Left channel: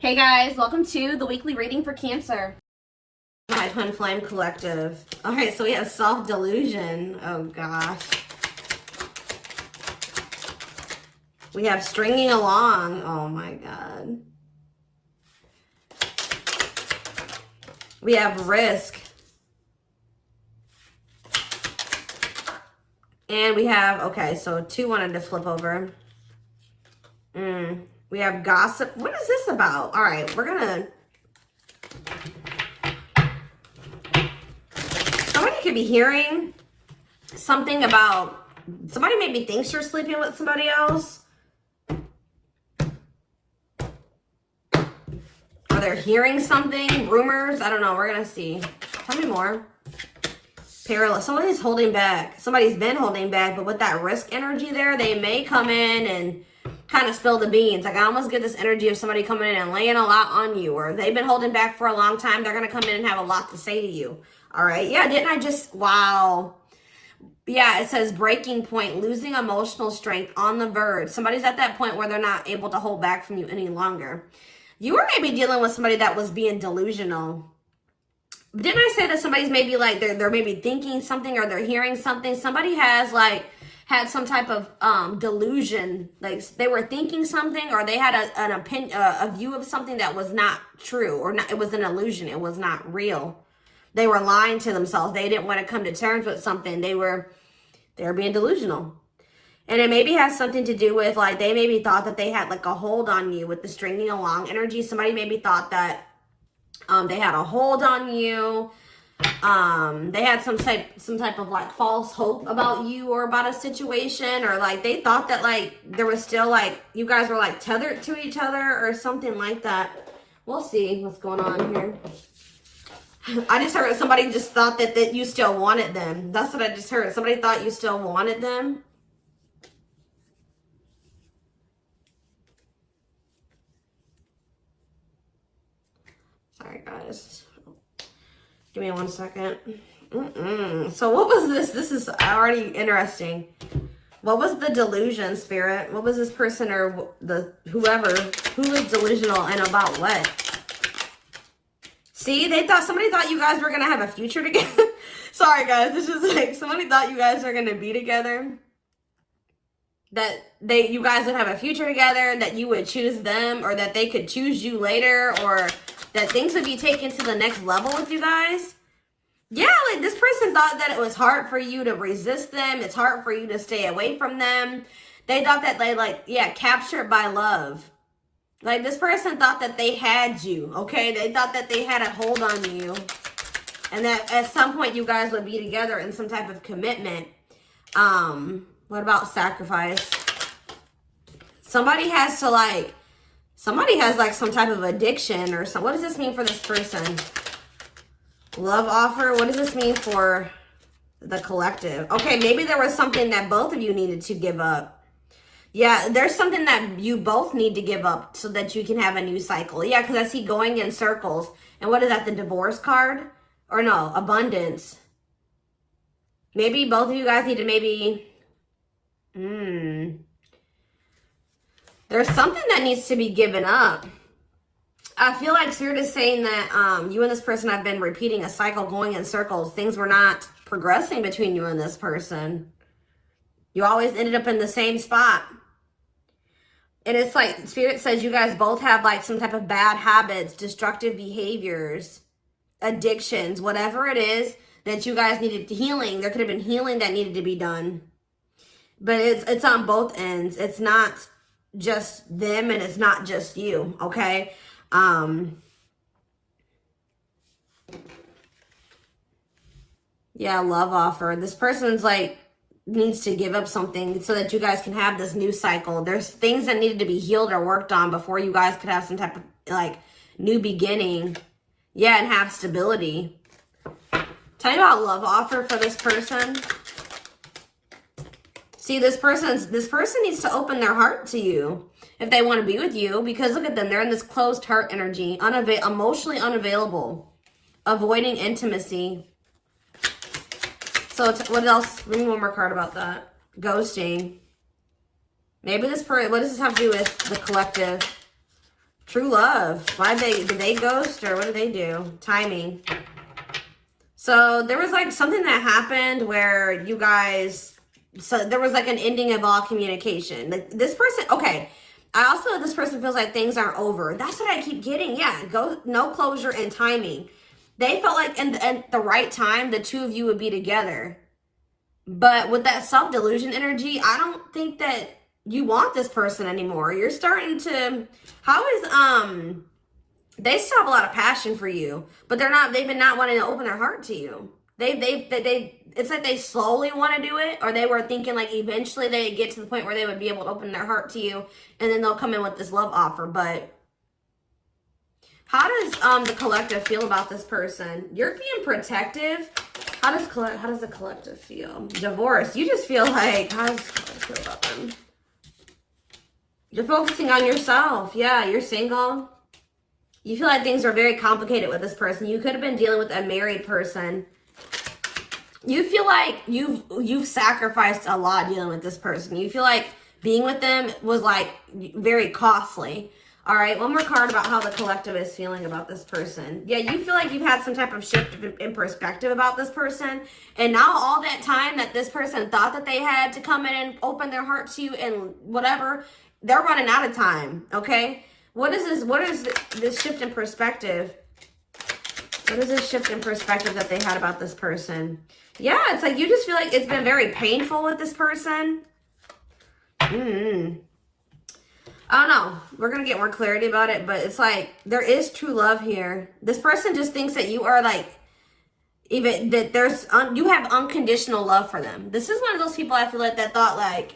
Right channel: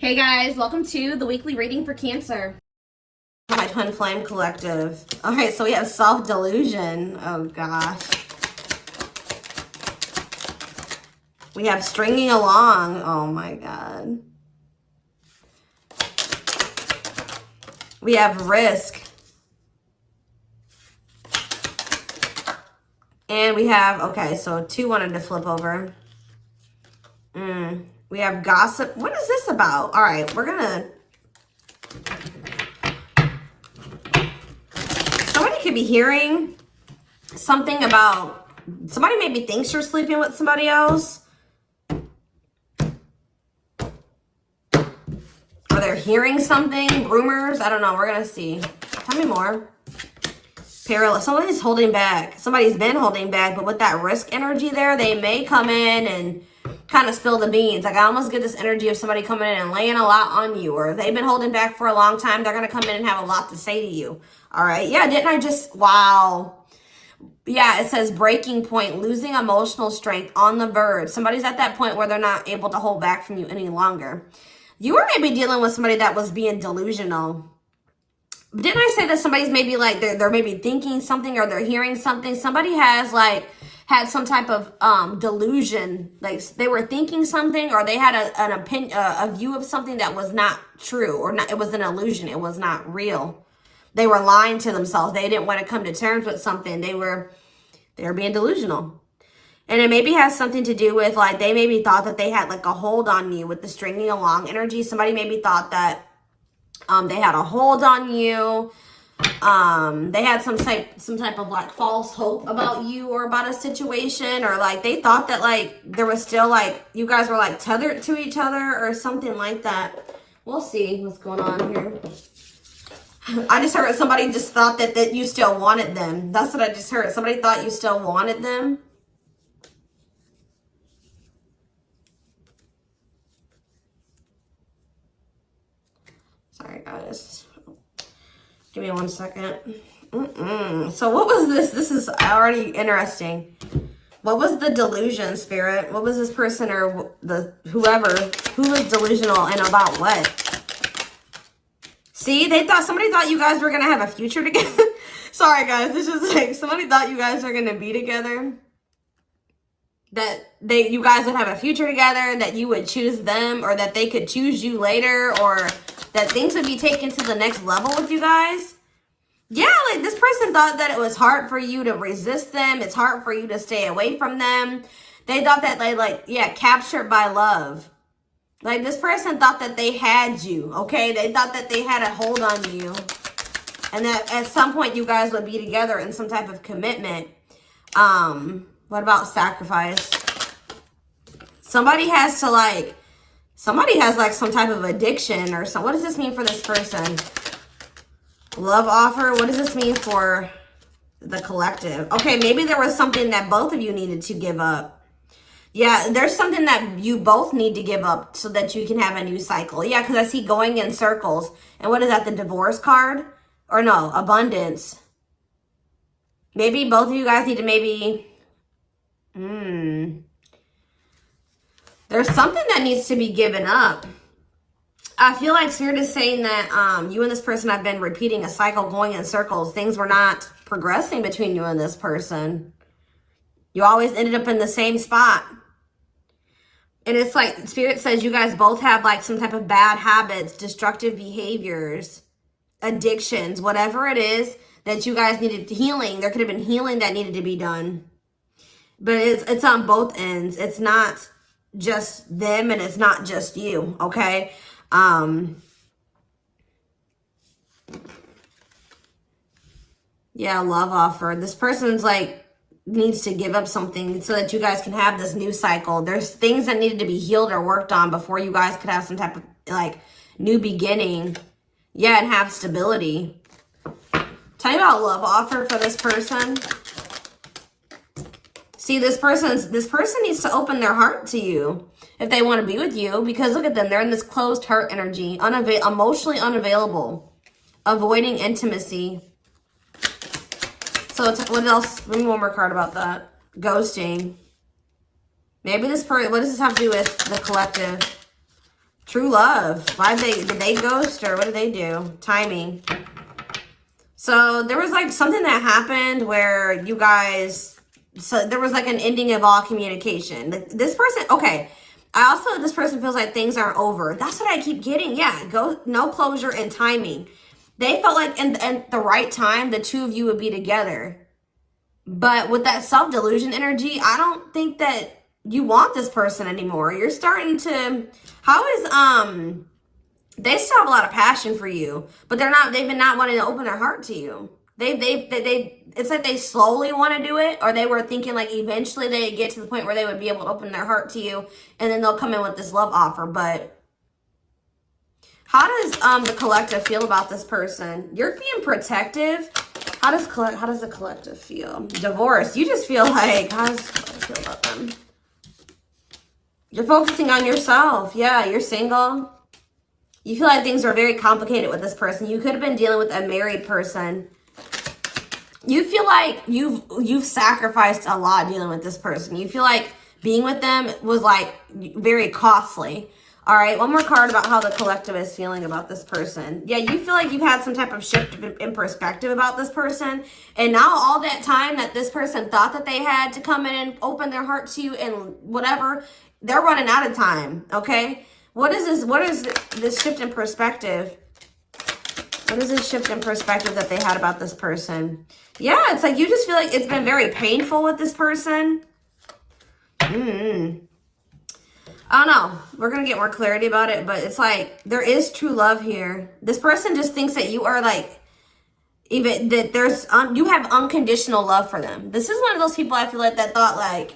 Hey guys, welcome to the weekly reading for Cancer. My Twin Flame Collective. Okay, so we have self-delusion. Oh gosh. We have stringing along. Oh my god. We have risk. And we have, okay, so two wanted to flip over. We have gossip. What is this about? All right, we're gonna... Somebody could be hearing something about... Somebody maybe thinks you're sleeping with somebody else. Or they're hearing something, rumors. I don't know. We're gonna see. Tell me more. Perilous. Somebody's holding back. Somebody's been holding back, but with that risk energy there, they may come in and kind of spill the beans. Like I almost get this energy of somebody coming in and laying a lot on you, or if they've been holding back for a long time, they're going to come in and have a lot to say to you. All right. Yeah. Didn't I just, wow. Yeah. It says breaking point, losing emotional strength, on the verge. Somebody's at that point where they're not able to hold back from you any longer. You were maybe dealing with somebody that was being delusional. Didn't I say that somebody's maybe like, they're maybe thinking something or they're hearing something? Somebody has like, had some type of delusion, like they were thinking something, or they had an opinion, a view of something that was not true, or not. It was an illusion. It was not real. They were lying to themselves. They didn't want to come to terms with something. They were being delusional, and it maybe has something to do with like they maybe thought that they had like a hold on you with the stringing along energy. Somebody maybe thought that they had a hold on you. They had some type of like false hope about you or about a situation, or like they thought that like there was still like you guys were like tethered to each other or something like that. We'll see what's going on here. I just heard somebody just thought that you still wanted them. That's what I just heard. Somebody thought you still wanted them. Sorry guys. Give me 1 second. So what was this? This is already interesting. What was the delusion, Spirit? What was this person or the whoever who was delusional and about what? See, somebody thought you guys were gonna have a future together. Sorry guys, this is like somebody thought you guys were gonna be together. That you guys would have a future together, that you would choose them, or that they could choose you later, or that things would be taken to the next level with you guys. Yeah, like this person thought that it was hard for you to resist them. It's hard for you to stay away from them. They thought that captured by love. Like this person thought that they had you, okay? They thought that they had a hold on you. And that at some point you guys would be together in some type of commitment. What about sacrifice? Somebody has some type of addiction or something. What does this mean for this person? Love offer. What does this mean for the collective? Okay, maybe there was something that both of you needed to give up. Yeah, there's something that you both need to give up so that you can have a new cycle. Yeah, because I see going in circles. And what is that, the divorce card? Or no, abundance. Maybe both of you guys need to maybe... There's something that needs to be given up. I feel like Spirit is saying that you and this person have been repeating a cycle, going in circles. Things were not progressing between you and this person. You always ended up in the same spot. And it's like Spirit says you guys both have like some type of bad habits, destructive behaviors, addictions, whatever it is that you guys needed healing. There could have been healing that needed to be done. But it's on both ends. It's not just them and it's not just you, okay? Yeah, love offer. This person's like needs to give up something so that you guys can have this new cycle. There's things that needed to be healed or worked on before you guys could have some type of like new beginning. Yeah, and have stability. Tell me about love offer for this person. See, this person needs to open their heart to you if they want to be with you, because look at them. They're in this closed heart energy, emotionally unavailable, avoiding intimacy. So what else? We need one more card about that. Ghosting. Maybe this person, what does this have to do with the collective? True love. Did they ghost or what did they do? Timing. So there was like something that happened where you guys, so there was like an ending of all communication. Like this person, okay. This person feels like things aren't over. That's what I keep getting. Yeah, no closure and timing. They felt like in the right time, the two of you would be together. But with that self-delusion energy, I don't think that you want this person anymore. You're starting to, they still have a lot of passion for you, but they've been not wanting to open their heart to you. It's like they slowly want to do it, or they were thinking like eventually they get to the point where they would be able to open their heart to you, and then they'll come in with this love offer. But how does the collective feel about this person? You're being protective. How does the collective feel? Divorce. You just feel like, how does the collective feel about them? You're focusing on yourself. Yeah, you're single. You feel like things are very complicated with this person. You could have been dealing with a married person. You feel like you've sacrificed a lot dealing with this person. You feel like being with them was like very costly. All right, one more card about how the collective is feeling about this person. Yeah, you feel like you've had some type of shift in perspective about this person. And now all that time that this person thought that they had to come in and open their heart to you and whatever, they're running out of time, okay? What is this shift in perspective? What is this shift in perspective that they had about this person? Yeah, it's like you just feel like it's been very painful with this person. I don't know. We're going to get more clarity about it, but it's like there is true love here. This person just thinks that you are like, even that you have unconditional love for them. This is one of those people I feel like that thought like,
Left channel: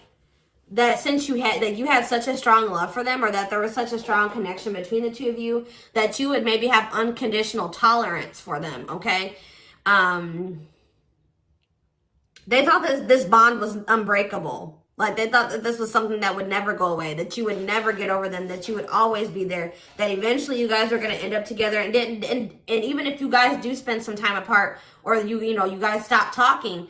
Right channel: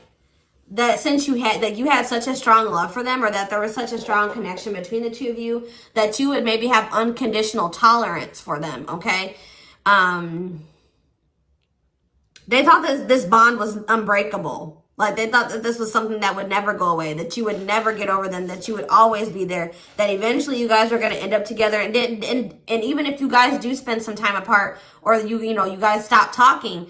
that since you had such a strong love for them, or that there was such a strong connection between the two of you, that you would maybe have unconditional tolerance for them, okay? They thought that this bond was unbreakable. Like they thought that this was something that would never go away, that you would never get over them, that you would always be there, that eventually you guys are going to end up together. And even if you guys do spend some time apart, or you guys stop talking,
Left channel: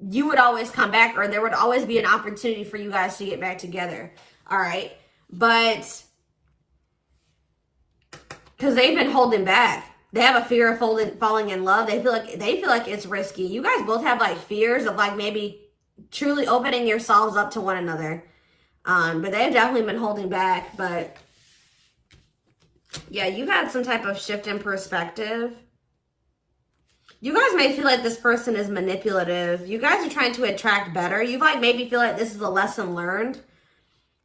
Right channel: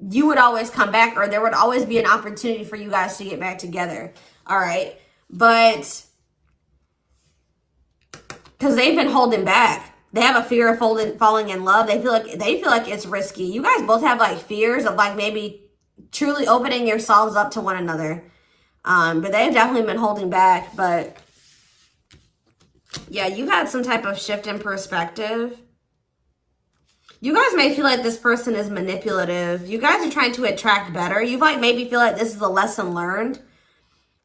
you would always come back, or there would always be an opportunity for you guys to get back together. All right. But because they've been holding back. They have a fear of falling in love. They feel like it's risky. You guys both have like fears of like maybe truly opening yourselves up to one another. But they've definitely been holding back. But yeah, you had some type of shift in perspective. You guys may feel like this person is manipulative. You guys are trying to attract better. You like maybe feel like this is a lesson learned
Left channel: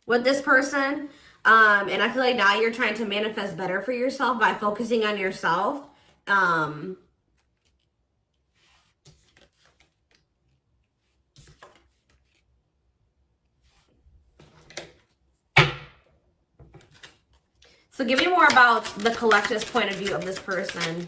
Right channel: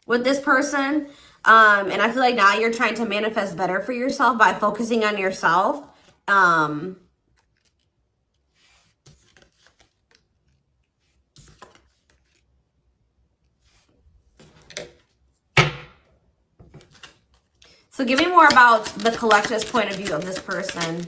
with this person. And I feel like now you're trying to manifest better for yourself by focusing on yourself. So give me more about the collective's point of view of this person.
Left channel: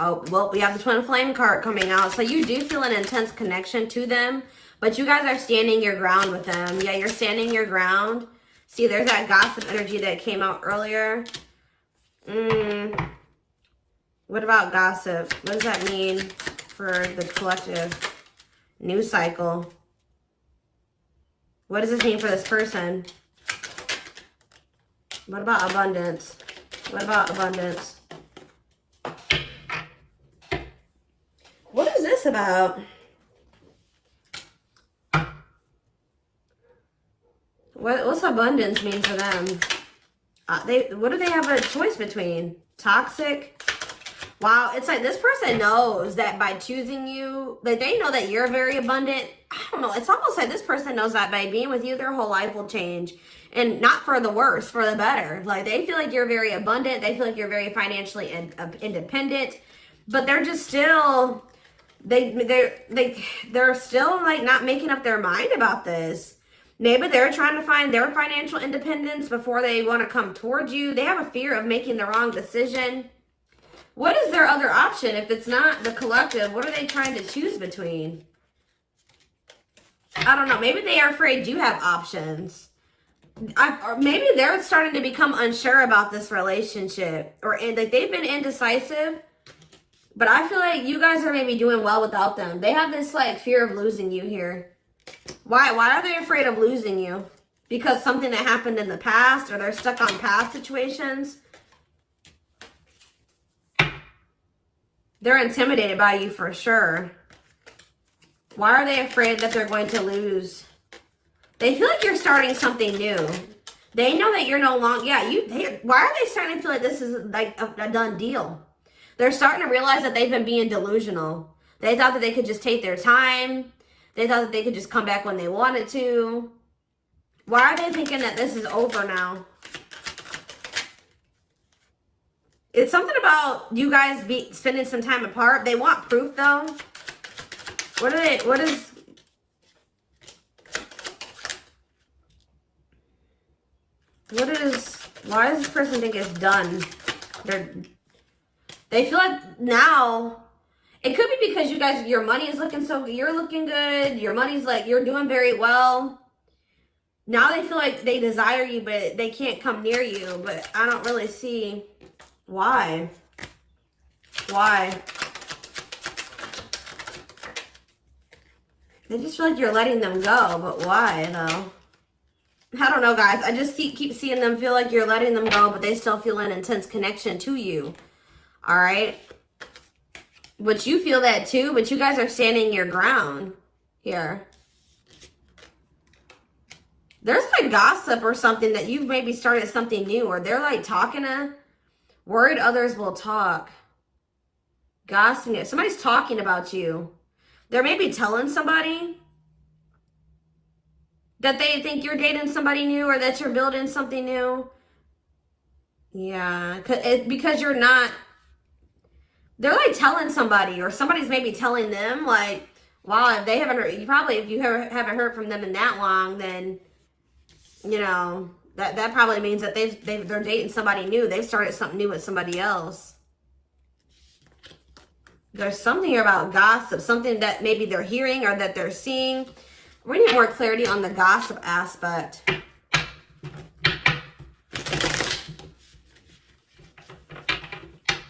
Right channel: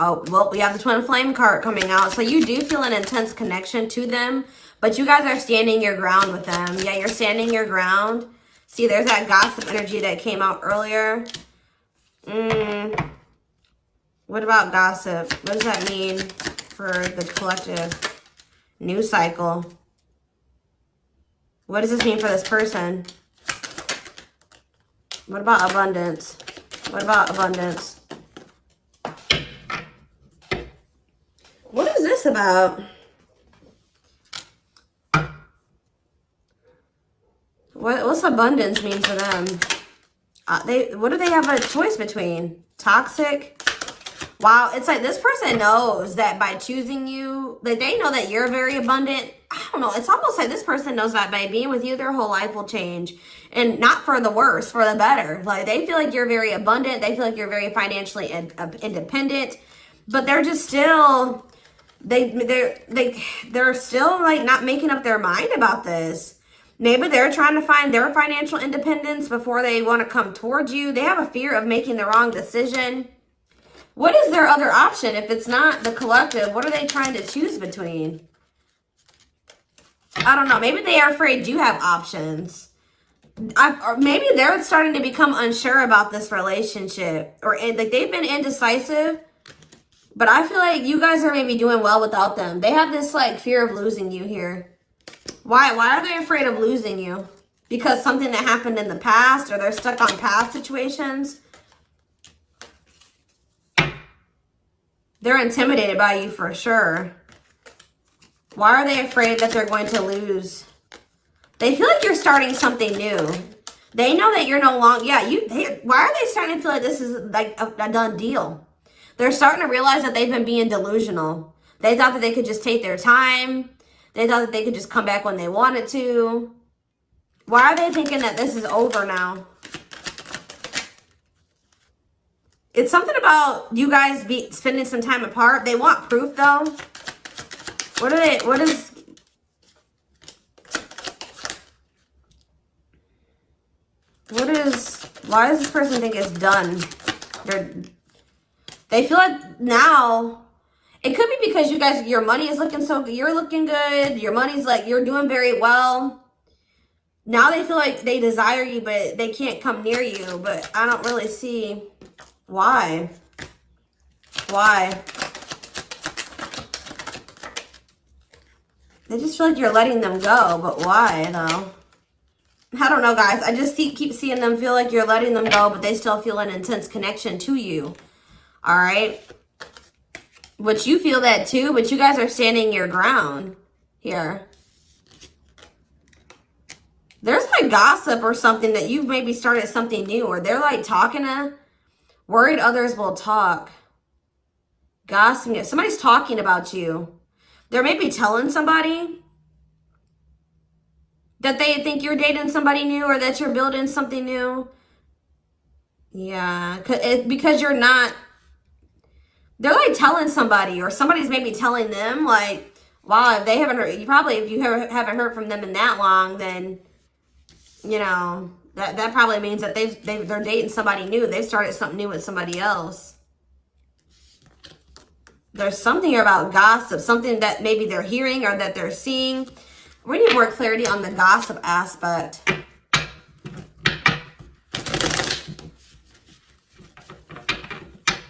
Oh, well, we have the Twin Flame card coming out. So you do feel an intense connection to them, but you guys are standing your ground with them. Yeah, you're standing your ground. See, there's that gossip energy that came out earlier. What about gossip? What does that mean for the collective? New cycle. What does this mean for this person? What about abundance? What about abundance? What is this about? What's abundance mean for them? What do they have a choice between? Toxic? Wow, it's like this person knows that by choosing you, that they know that you're very abundant. I don't know. It's almost like this person knows that by being with you, their whole life will change. And not for the worse, for the better. Like they feel like you're very abundant. They feel like you're very financially independent. But they're just still, they're still like not making up their mind about this. Maybe they're trying to find their financial independence before they want to come towards you. They have a fear of making the wrong decision. What is their other option if it's not the collective? What are they trying to choose between? I don't know. Maybe they are afraid you have options. Or maybe they're starting to become unsure about this relationship. And like they've been indecisive. But I feel like you guys are maybe doing well without them. They have this like fear of losing you here. Why are they afraid of losing you? because something that happened in the past, or they're stuck on past situations. They're intimidated by you for sure. Why are they afraid that they're going to lose? They feel like you're starting something new. They know that you're no longer, why are they starting to feel like this is like a done deal? They're starting to realize that they've been being delusional. They thought that they could just take their time. They thought that they could just come back when they wanted to. Why are they thinking that this is over now? It's something about you guys spending some time apart. They want proof though. Why does this person think it's done? They feel like now, it could be because you guys, your money is looking so good. You're looking good. Your money's like, you're doing very well. Now they feel like they desire you, but they can't come near you. But I don't really see why. Why? They just feel like you're letting them go, but why, though? I don't know, guys. I just keep seeing them feel like you're letting them go, but they still feel an intense connection to you. All right? Which you feel that too, but you guys are standing your ground here. There's like gossip or something that you've maybe started something new, or they're like talking to, worried others will talk. Gossiping. Somebody's talking about you. They're maybe telling somebody that they think you're dating somebody new, or that you're building something new. Yeah, because you're not. They're like telling somebody, or somebody's maybe telling them, like, wow, if they haven't heard, if you haven't heard from them in that long, then, you know, that probably means that they're dating somebody new. They've started something new with somebody else. There's something about gossip, something that maybe they're hearing or that they're seeing. We need more clarity on the gossip aspect.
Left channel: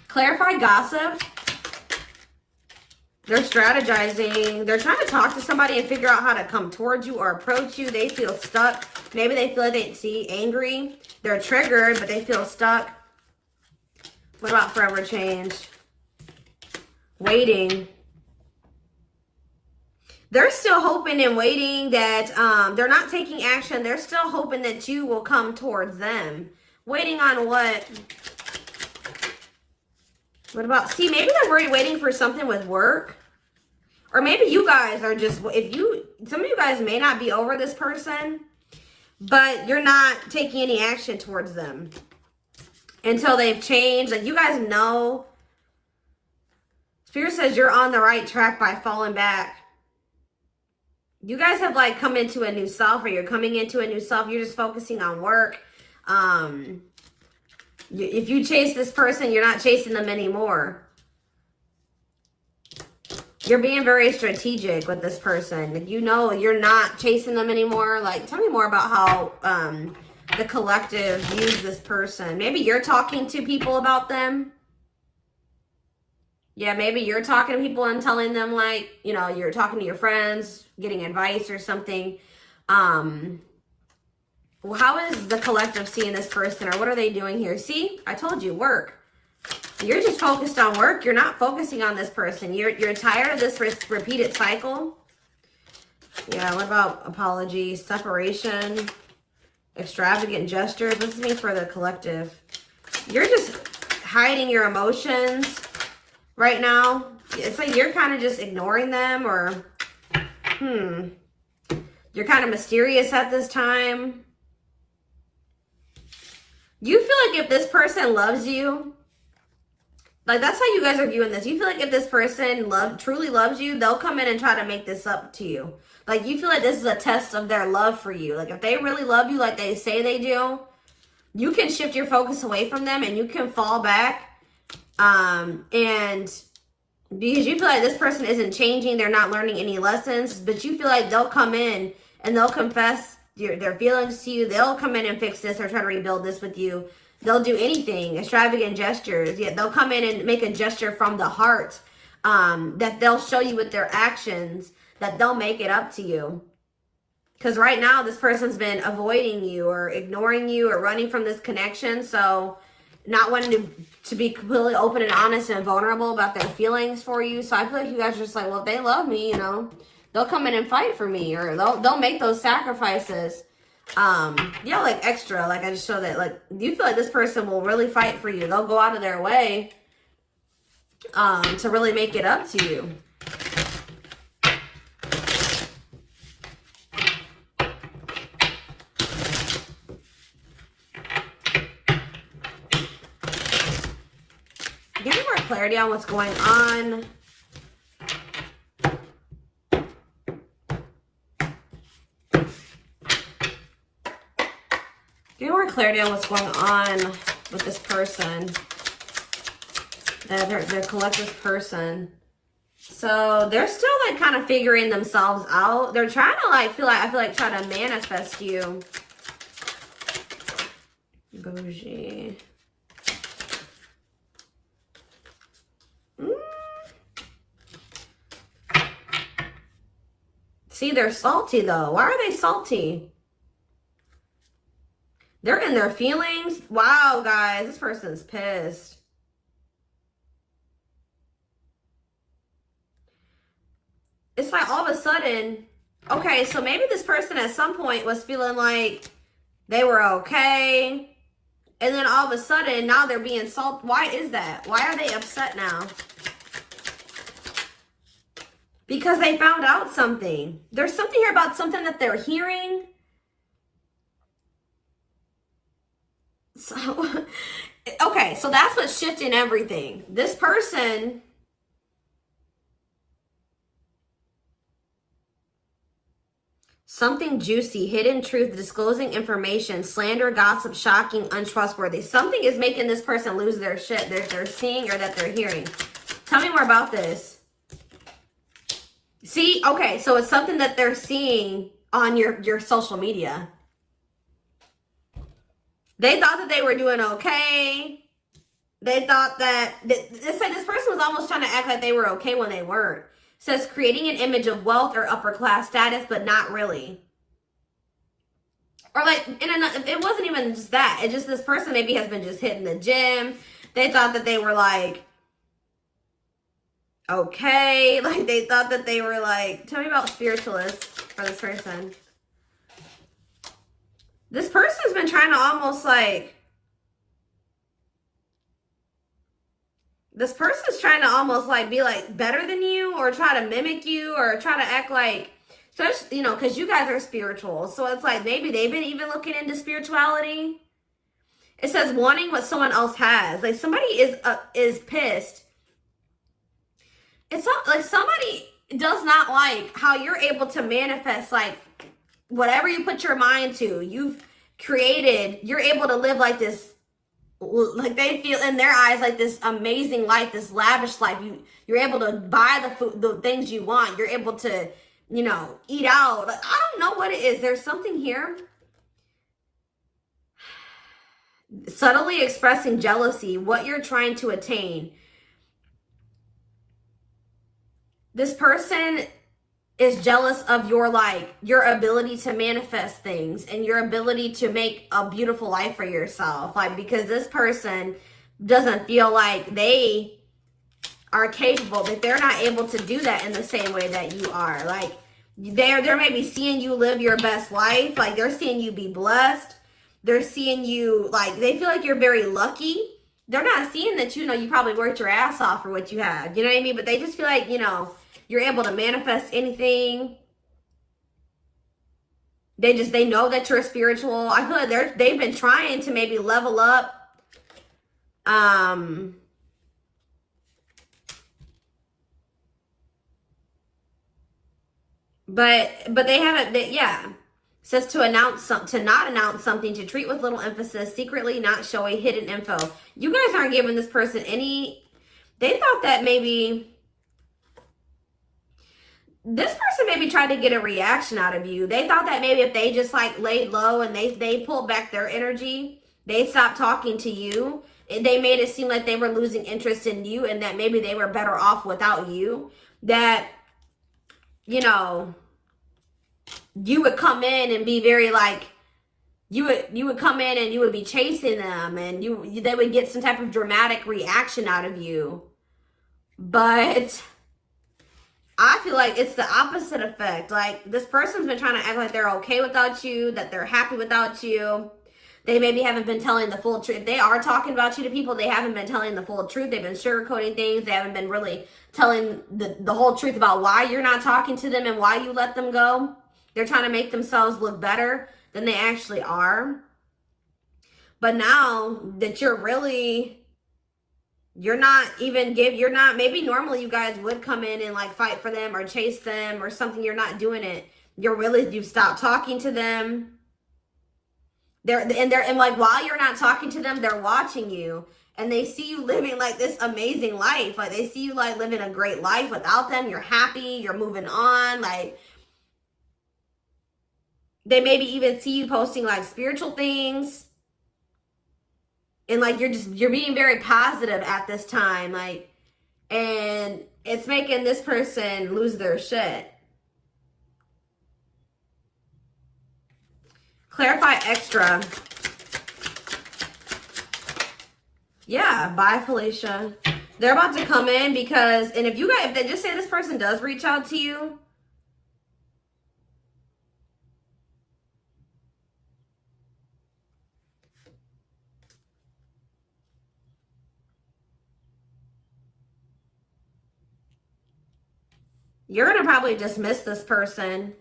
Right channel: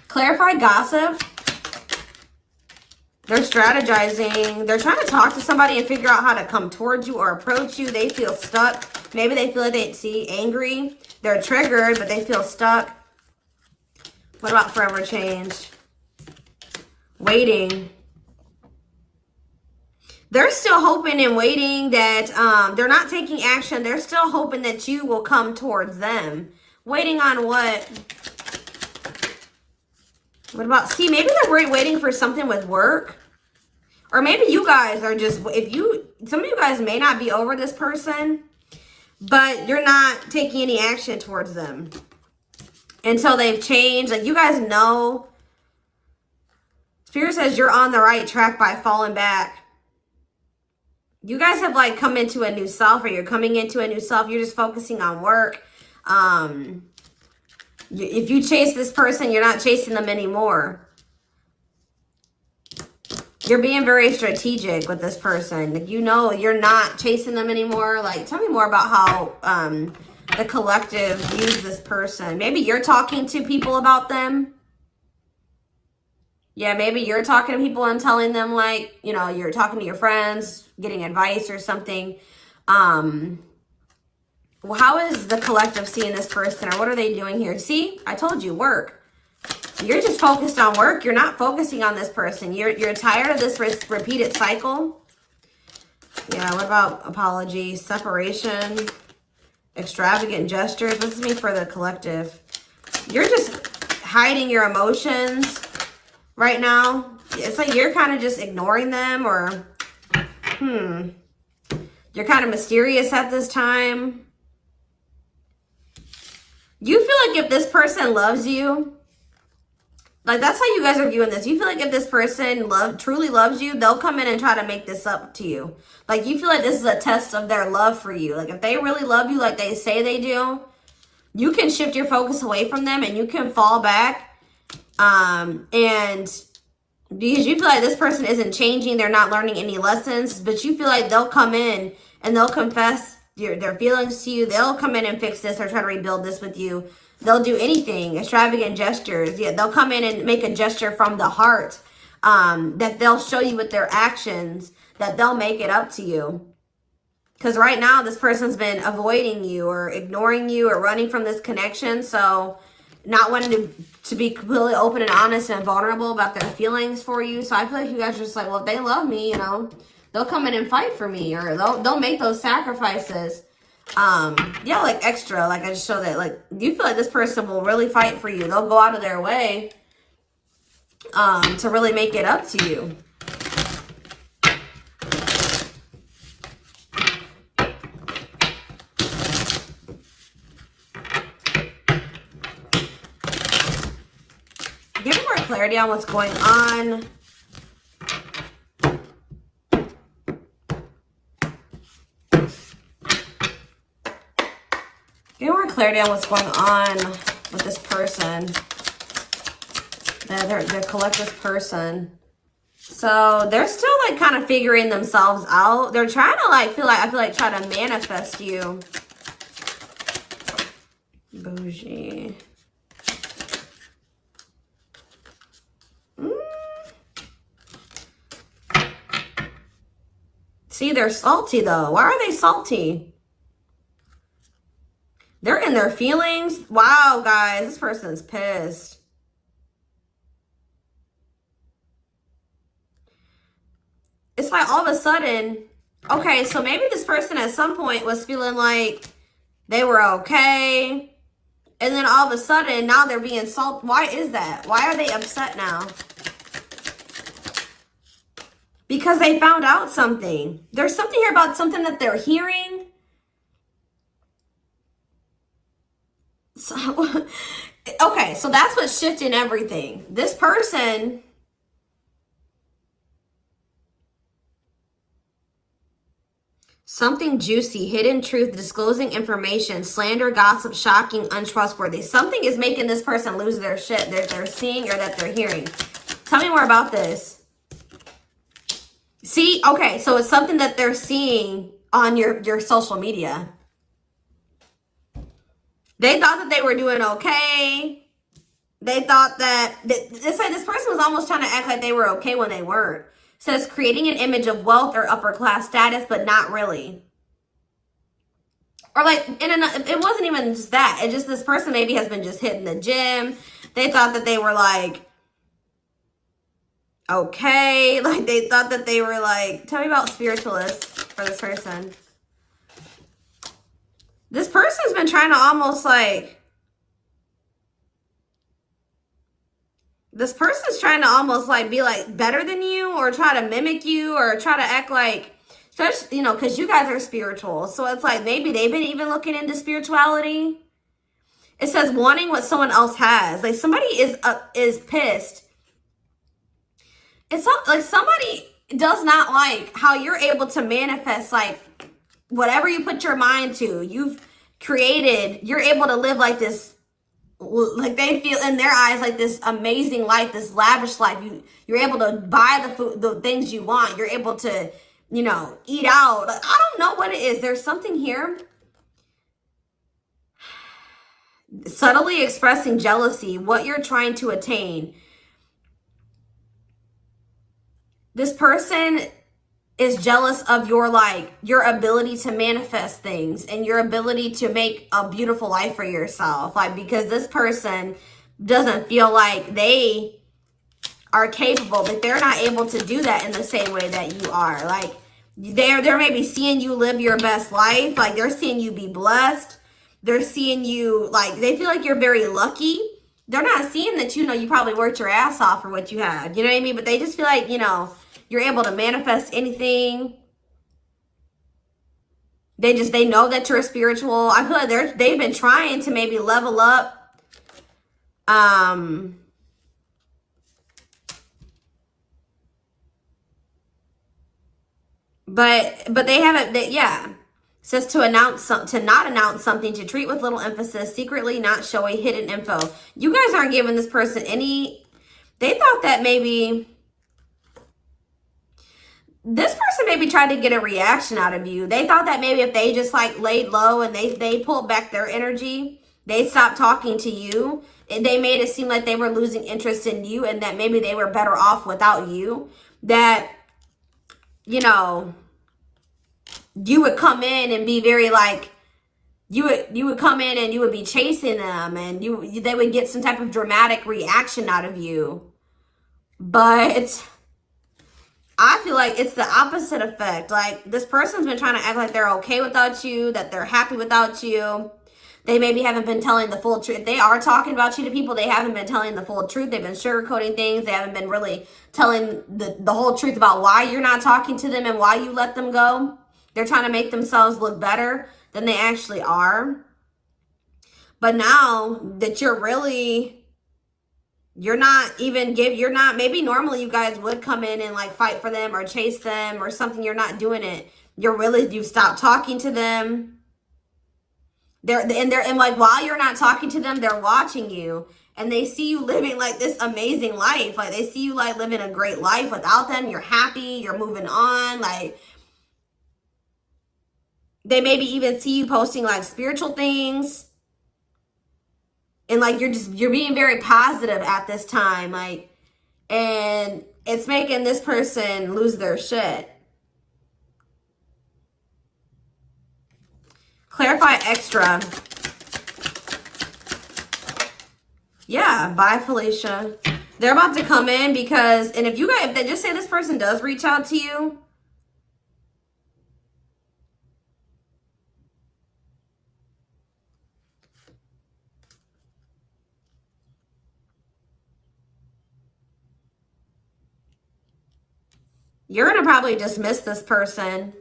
Clarify gossip. They're strategizing. They're trying to talk to somebody and figure out how to come towards you or approach you. They feel stuck. Maybe they feel like they angry. They're triggered, but they feel stuck. What about forever change? Waiting. They're still hoping and waiting that they're not taking action. They're still hoping that you will come towards them. Waiting on what? What about, see, maybe they're waiting for something with work. Or maybe you guys are just, some of you guys may not be over this person, but you're not taking any action towards them until they've changed. Like, you guys know, Spirit says you're on the right track by falling back. You guys have like come into a new self, or you're coming into a new self. You're just focusing on work. If you chase this person, you're not chasing them anymore. You're being very strategic with this person. Like, you know, you're not chasing them anymore. Like, tell me more about how the collective views this person. Maybe you're talking to people about them. Yeah, maybe you're talking to people and telling them, like, you know, you're talking to your friends, getting advice or something. Well, how is the collective seeing this person, or what are they doing here? See, I told you, work. You're just focused on work. You're not focusing on this person. You're tired of this repeated cycle. Yeah, what about apologies, separation, extravagant gestures? What does this mean for the collective? You're just hiding your emotions right now. It's like you're kind of just ignoring them, or you're kind of mysterious at this time. You feel like if this person loves you, like, that's how you guys are viewing this. You feel like if this person truly loves you, they'll come in and try to make this up to you. Like, you feel like this is a test of their love for you. Like, if they really love you like they say they do, you can shift your focus away from them and you can fall back. And because you feel like this person isn't changing, they're not learning any lessons, but you feel like they'll come in and they'll confess their feelings to you. They'll come in and fix this or try to rebuild this with you. They'll do anything, extravagant gestures. Yeah, they'll come in and make a gesture from the heart that they'll show you with their actions, that they'll make it up to you. Because right now, this person's been avoiding you or ignoring you or running from this connection. So not wanting to be completely open and honest and vulnerable about their feelings for you. So I feel like you guys are just like, well, if they love me, you know, they'll come in and fight for me, or they'll make those sacrifices. Yeah, like extra. Like I just show that, like, you feel like this person will really fight for you. They'll go out of their way to really make it up to you. Give me more clarity on what's going on. Give me more clarity on what's going on with this person. The collective person. So they're still like kind of figuring themselves out. They're trying to like I feel like trying to manifest you. Bougie. See, they're salty though. Why are they salty? They're in their feelings. Wow, guys, this person's pissed. It's like all of a sudden, okay, so maybe this person at some point was feeling like they were okay. And then all of a sudden, now they're being salty. Why is that? Why are they upset now? Because they found out something. There's something here about something that they're hearing. So, okay, so that's what's shifting everything. This person, something juicy, hidden truth, disclosing information, slander, gossip, shocking, untrustworthy. Something is making this person lose their shit. They're seeing or that they're hearing. Tell me more about this. See, okay, so it's something that they're seeing on your social media. They thought that they were doing okay. They thought that, it's like this person was almost trying to act like they were okay when they weren't. It says creating an image of wealth or upper class status, but not really. Or like, it wasn't even just that. It just, this person maybe has been just hitting the gym. They thought that they were like, okay. Like they thought that they were like, tell me about spiritualists for this person. This person's been trying to almost like, this person's trying to almost like be like better than you, or try to mimic you, or try to act like, especially, you know, because you guys are spiritual. So it's like maybe they've been even looking into spirituality. It says wanting what someone else has. Like somebody is pissed. It's not like somebody does not like how you're able to manifest like whatever you put your mind to. You've created, you're able to live like this, like they feel in their eyes like this amazing life, this lavish life. You're able to buy the food, the things you want. You're able to, you know, eat out. Like, I don't know what it is. There's something here. Subtly expressing jealousy, what you're trying to attain. This person is jealous of your, like, your ability to manifest things and your ability to make a beautiful life for yourself. Like, because this person doesn't feel like they are capable, that they're not able to do that in the same way that you are. Like, they're maybe seeing you live your best life. Like, they're seeing you be blessed. They're seeing you, like, they feel like you're very lucky. They're not seeing that, you know, you probably worked your ass off for what you have. You know what I mean? But they just feel like, you know, you're able to manifest anything. They know that you're spiritual. I feel like they've been trying to maybe level up. But they haven't, yeah. It says to not announce something, to treat with little emphasis, secretly not showing hidden info. You guys aren't giving this person any, they thought that maybe this person maybe tried to get a reaction out of you. They thought that maybe if they just like laid low and they pulled back their energy, they stopped talking to you, and they made it seem like they were losing interest in you, and that maybe they were better off without you. That, you know, you would come in and be very like, you would come in and you would be chasing them, and they would get some type of dramatic reaction out of you. But I feel like it's the opposite effect. Like, this person's been trying to act like they're okay without you, that they're happy without you. They maybe haven't been telling the full truth. If they are talking about you to people, they haven't been telling the full truth. They've been sugarcoating things. They haven't been really telling the whole truth about why you're not talking to them and why you let them go. They're trying to make themselves look better than they actually are. But now that maybe normally you guys would come in and like fight for them or chase them or something. You're not doing it. You've stopped talking to them. And like, while you're not talking to them, they're watching you, and they see you living like this amazing life. Like, they see you like living a great life without them. You're happy, you're moving on. Like, they maybe even see you posting like spiritual things. And like, you're being very positive at this time. Like, and it's making this person lose their shit. Clarify extra. Yeah, bye, Felicia. They're about to come in because, and if they just say this person does reach out to you, you're going to probably dismiss this person.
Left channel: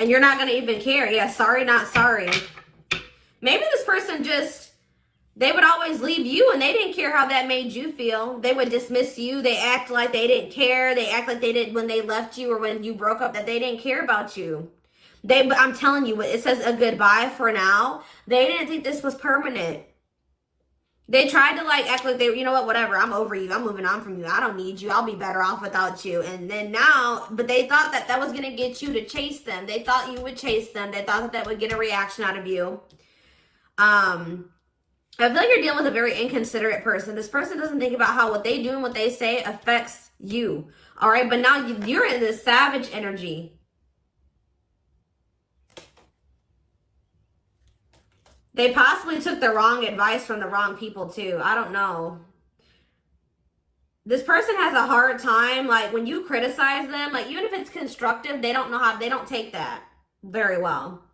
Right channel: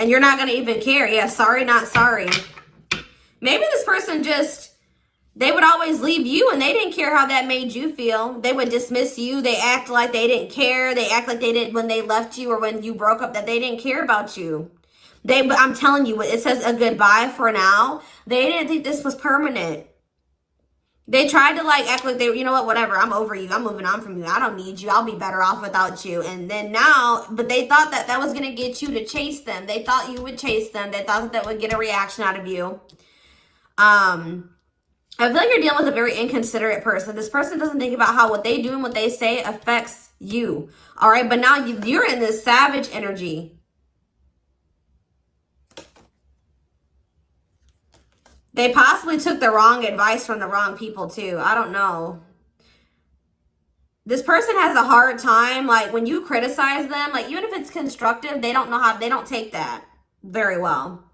And you're not going to even care. Yeah, sorry, not sorry. Maybe this person they would always leave you and they didn't care how that made you feel. They would dismiss you. They act like they didn't care. They act like they didn't when they left you or when you broke up, that they didn't care about you. But I'm telling you, it says a goodbye for now. They didn't think this was permanent. They tried to like act like you know what, whatever, I'm over you. I'm moving on from you. I don't need you. I'll be better off without you. And then now, but they thought that was going to get you to chase them. They thought you would chase them. They thought that would get a reaction out of you. I feel like you're dealing with a very inconsiderate person. This person doesn't think about how what they do and what they say affects you. All right, but now you're in this savage energy. They possibly took the wrong advice from the wrong people too. I don't know. This person has a hard time, like when you criticize them, like even if it's constructive, they don't take that very well.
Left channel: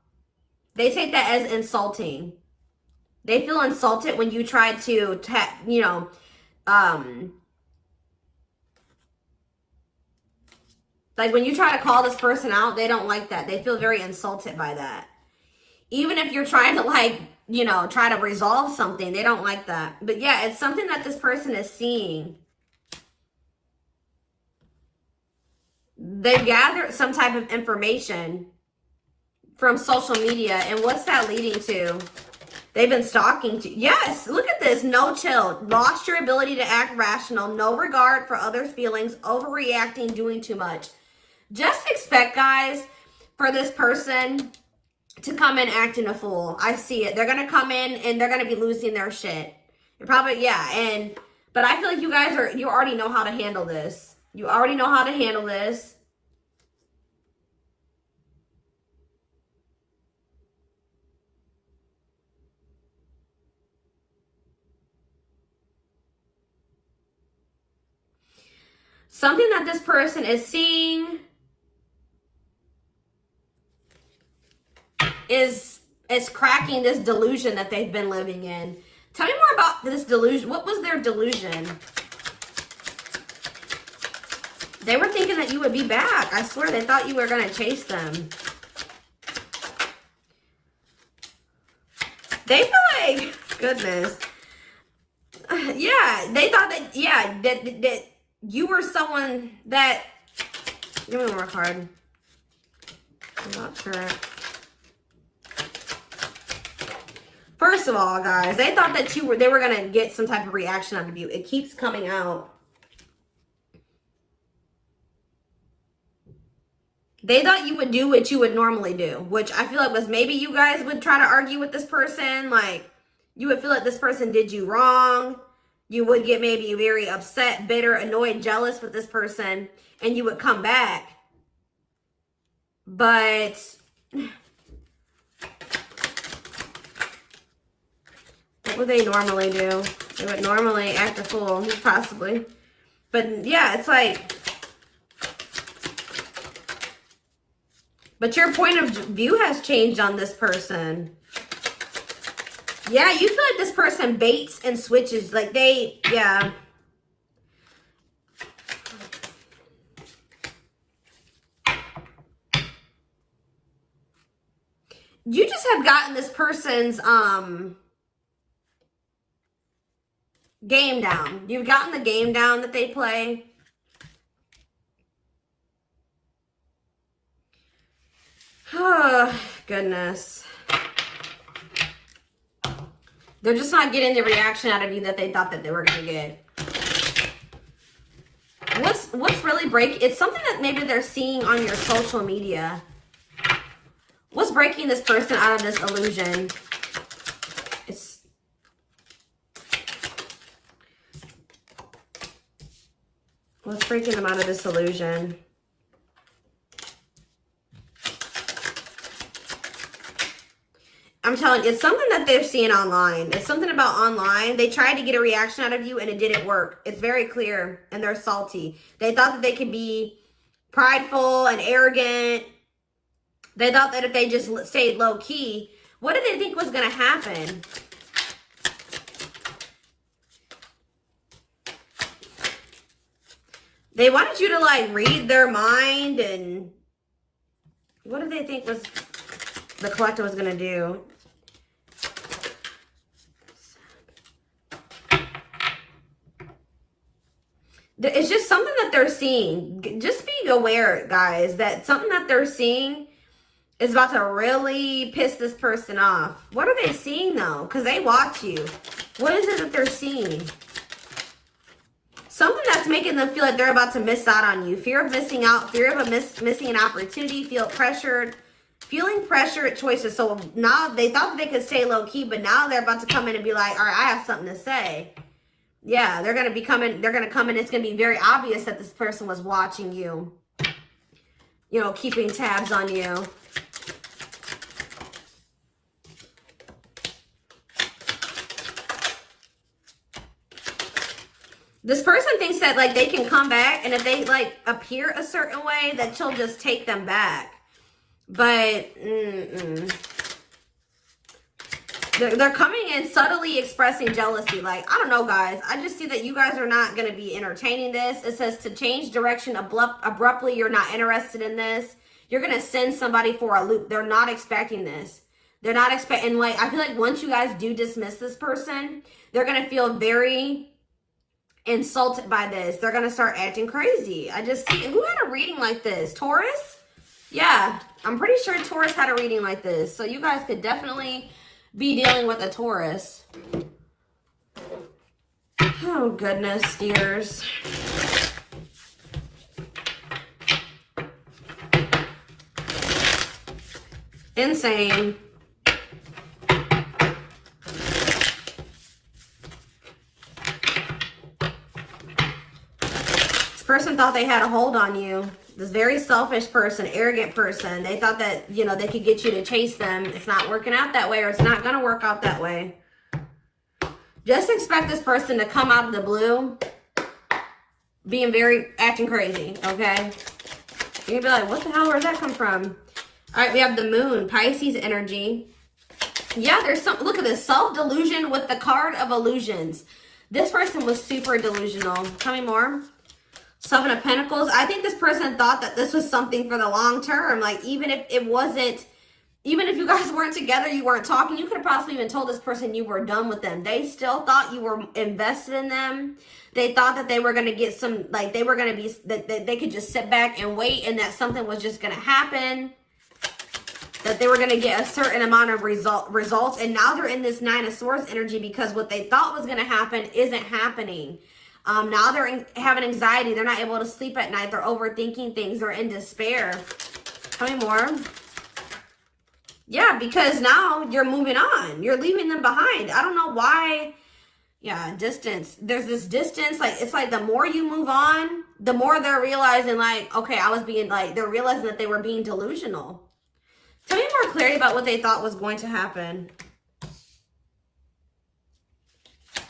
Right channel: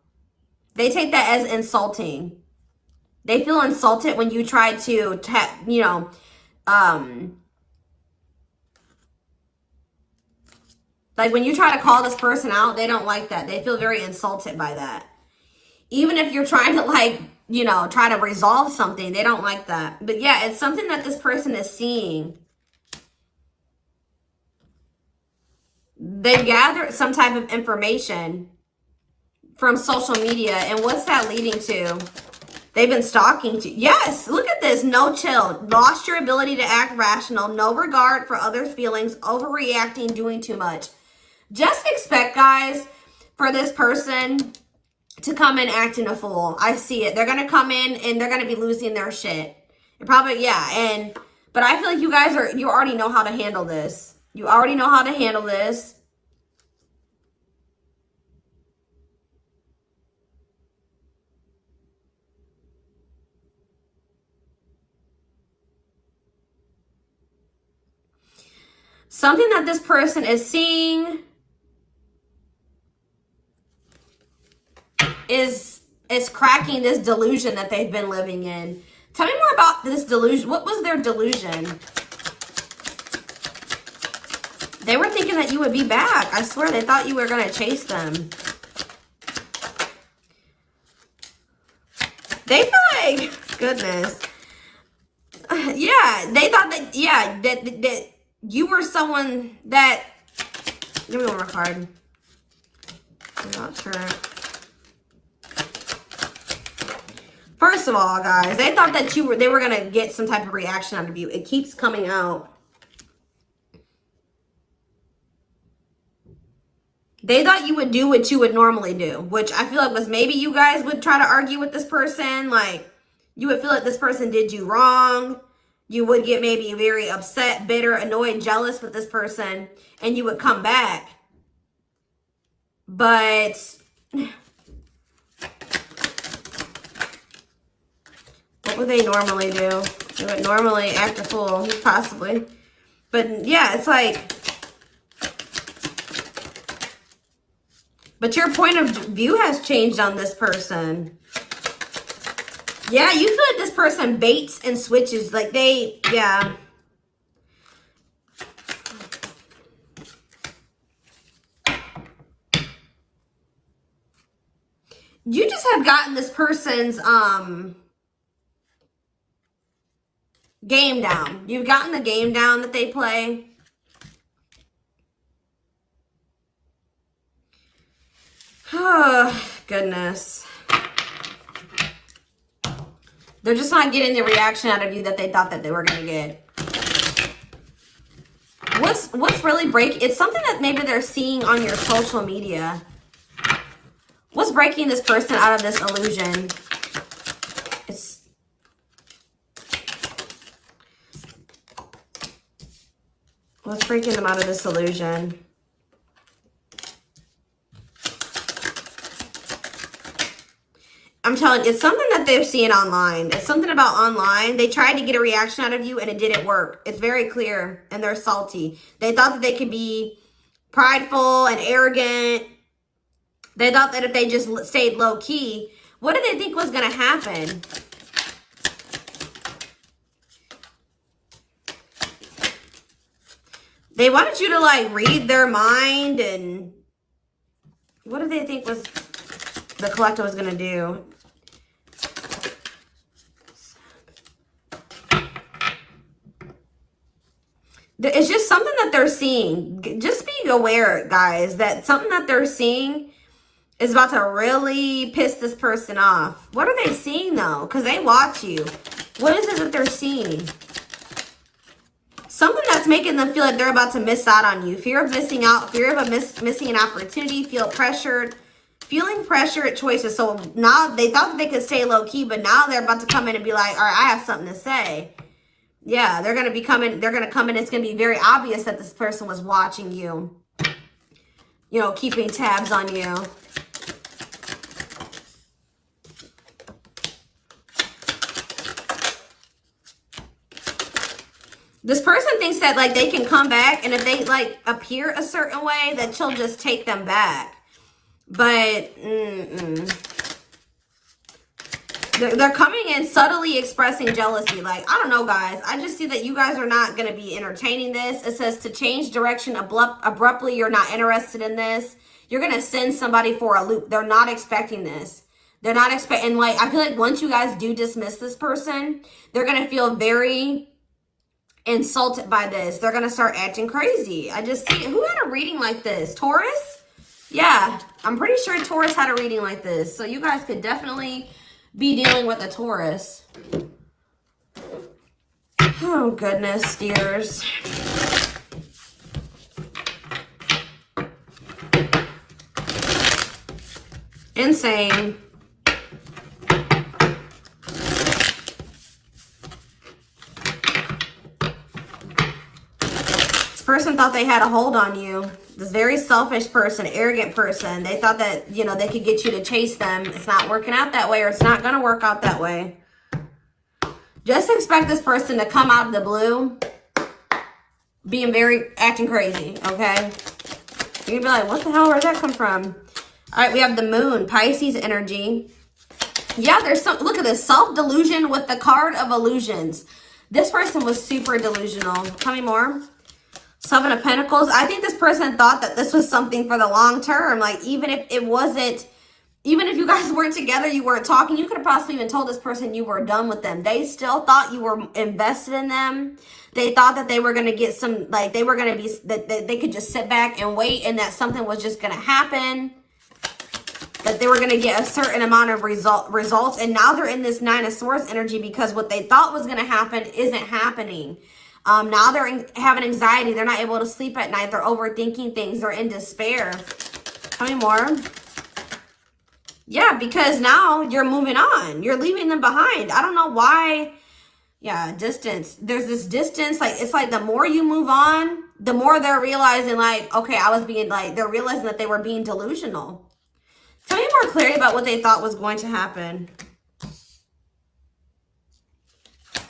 They take that as insulting. They feel insulted when you try to, like when you try to call this person out, they don't like that. They feel very insulted by that. Even if you're trying to like, try to resolve something, they don't like that. But yeah, it's something that this person is seeing. They've gathered some type of information from social media. And what's that leading to? They've been stalking you. Yes, look at this. No chill. Lost your ability to act rational. No regard for others' feelings. Overreacting, doing too much. Just expect, guys, for this person to come in acting a fool. I see it. They're going to come in and they're going to be losing their shit. They're probably, yeah. But I feel like you already know how to handle this. You already know how to handle this. Something that this person is seeing is cracking this delusion that they've been living in. Tell me more about this delusion. What was their delusion? They were thinking that you would be back. I swear, they thought you were going to chase them. They feel like, goodness. Yeah, they thought that, yeah, that you were someone that, give me one more card. That's right. First of all, guys, they thought that they were going to get some type of reaction out of you. It keeps coming out. They thought you would do what you would normally do, which I feel like was maybe you guys would try to argue with this person. Like, you would feel like this person did you wrong. You would get maybe very upset, bitter, annoyed, jealous with this person, and you would come back. But what would they normally do? They would normally act a fool, possibly. But yeah, it's like, but your point of view has changed on this person. Yeah, you feel like this person baits and switches. Like they, yeah. You just have gotten this person's game down. You've gotten the game down that they play. Oh, goodness. They're just not getting the reaction out of you that they thought that they were going to get. What's really breaking? It's something that maybe they're seeing on your social media. What's breaking this person out of this illusion? What's breaking them out of this illusion? I'm telling you, it's something that they're seeing online. It's something about online. They tried to get a reaction out of you and it didn't work. It's very clear and they're salty. They thought that they could be prideful and arrogant. They thought that if they just stayed low key, what did they think was going to happen? They wanted you to like read their mind, and what did they think was the collective was going to do? It's just something that they're seeing. Just be aware, guys, that something that they're seeing is about to really piss this person off. What are they seeing, though? Because they watch you. What is it that they're seeing? Something that's making them feel like they're about to miss out on you. Fear of missing out. Fear of missing an opportunity. Feel pressured. Feeling pressure at choices. So now they thought that they could stay low-key, but now they're about to come in and be like, all right, I have something to say. Yeah, they're going to be coming. They're going to come in. It's going to be very obvious that this person was watching you. You know, keeping tabs on you. This person thinks that, like, they can come back, and if they, like, appear a certain way, that she'll just take them back. But, They're coming in subtly expressing jealousy. Like, I don't know, guys. I just see that you guys are not going to be entertaining this. It says to change direction abruptly. You're not interested in this. You're going to send somebody for a loop. They're not expecting this. They're not expecting, like, I feel like once you guys do dismiss this person, they're going to feel very insulted by this. They're going to start acting crazy. I just see, who had a reading like this? Taurus? Yeah, I'm pretty sure Taurus had a reading like this. So you guys could definitely be dealing with a Taurus. Oh, goodness, dears. Insane. This person thought they had a hold on you. This very selfish person, arrogant person. They thought that, you know, they could get you to chase them. It's not working out that way, or it's not going to work out that way. Just expect this person to come out of the blue being acting crazy, okay? You're going to be like, what the hell, where'd that come from? All right, we have the moon, Pisces energy. Yeah, there's some, look at this, self-delusion with the card of illusions. This person was super delusional. Tell me more. Seven of Pentacles. I think this person thought that this was something for the long term. Like, even if it wasn't, even if you guys weren't together, you weren't talking, you could have possibly even told this person you were done with them. They still thought you were invested in them. They thought that they were going to get some, like, they were going to be, that they could just sit back and wait, and that something was just going to happen. That they were going to get a certain amount of results. And now they're in this Nine of Swords energy because what they thought was going to happen isn't happening. Now they're having anxiety. They're not able to sleep at night. They're overthinking things. They're in despair. Tell me more. Yeah, because now you're moving on. You're leaving them behind. I don't know why Yeah, distance. There's this distance, like, it's like the more you move on, the more they're realizing, like, okay, I was being, like, they're realizing that they were being delusional. Tell me more clarity about what they thought was going to happen.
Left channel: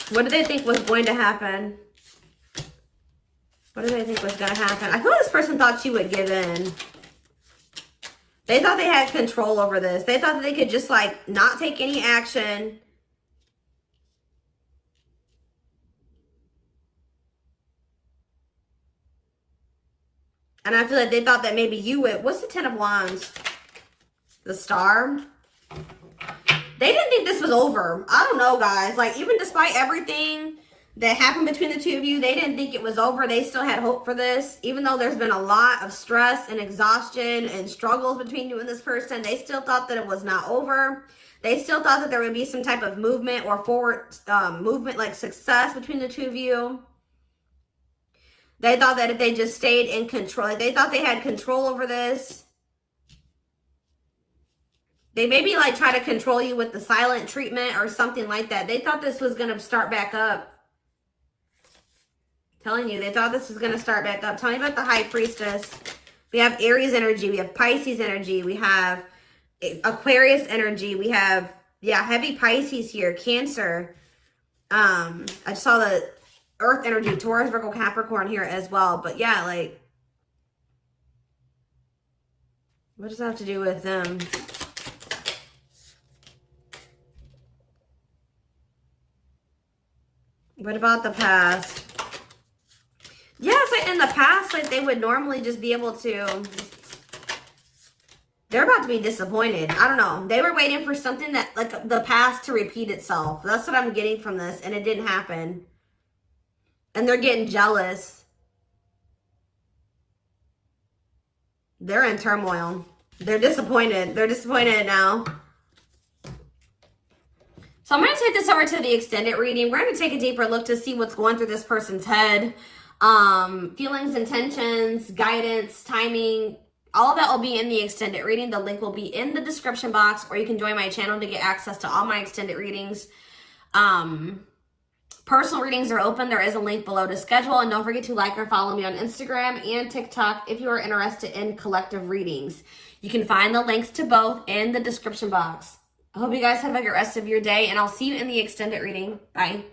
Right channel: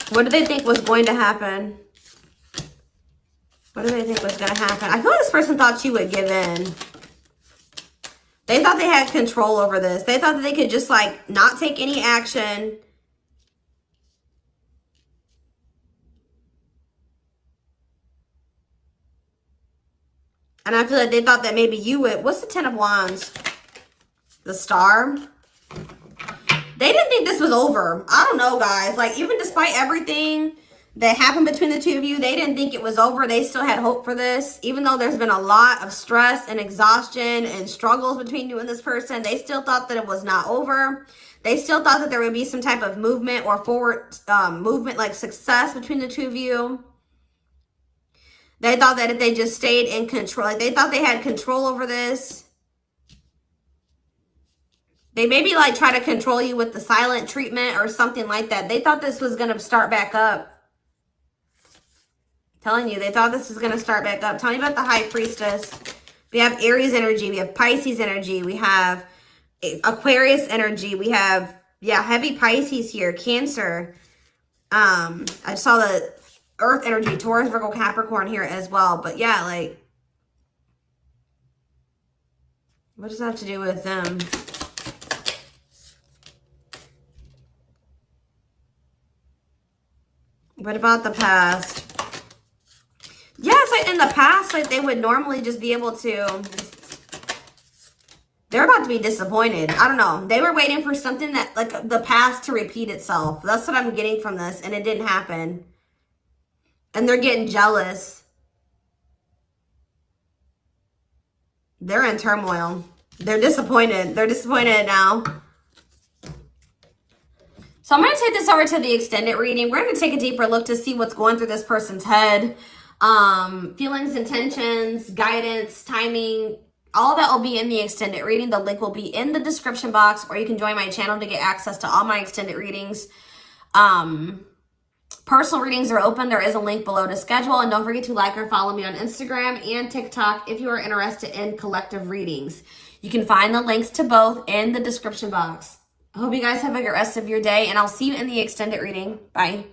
What did they think was going to happen? What did they think was going to happen? I feel like this person thought you would give in. They thought they had control over this. They thought that they could just, like, not take any action. And I feel like they thought that maybe you would. What's the 10 of Wands? The Star. They didn't think this was over. I don't know, guys. Like, even despite everything that happened between the two of you, they didn't think it was over. They still had hope for this. Even though there's been a lot of stress and exhaustion and struggles between you and this person, they still thought that it was not over. They still thought that there would be some type of movement or forward movement, like success between the two of you. They thought that if they just stayed in control, like they thought they had control over this. They maybe like try to control you with the silent treatment or something like that. They thought this was going to start back up. Telling you, they thought this was going to start back up. Tell me about the High Priestess. We have Aries energy. We have Pisces energy. We have Aquarius energy. We have, yeah, heavy Pisces here. Cancer. I saw the Earth energy, Taurus, Virgo, Capricorn here as well. But yeah, like, what does that have to do with them? What about the past? Yeah, it's like in the past, like they would normally just be able to, they're about to be disappointed. I don't know. They were waiting for something that, like the past to repeat itself. That's what I'm getting from this. And it didn't happen. And they're getting jealous. They're in turmoil. They're disappointed. They're disappointed now. So I'm going to take this over to the extended reading. We're going to take a deeper look to see what's going through this person's head. Feelings, intentions, guidance, timing, all that will be in the extended reading. The link will be in the description box, or you can join my channel to get access to all my extended readings. Personal readings are open. There is a link below to schedule. And don't forget to like or follow me on Instagram and TikTok if you are interested in collective readings. You can find the links to both in the description box. I hope you guys have a good rest of your day, and I'll see you in the extended reading. Bye.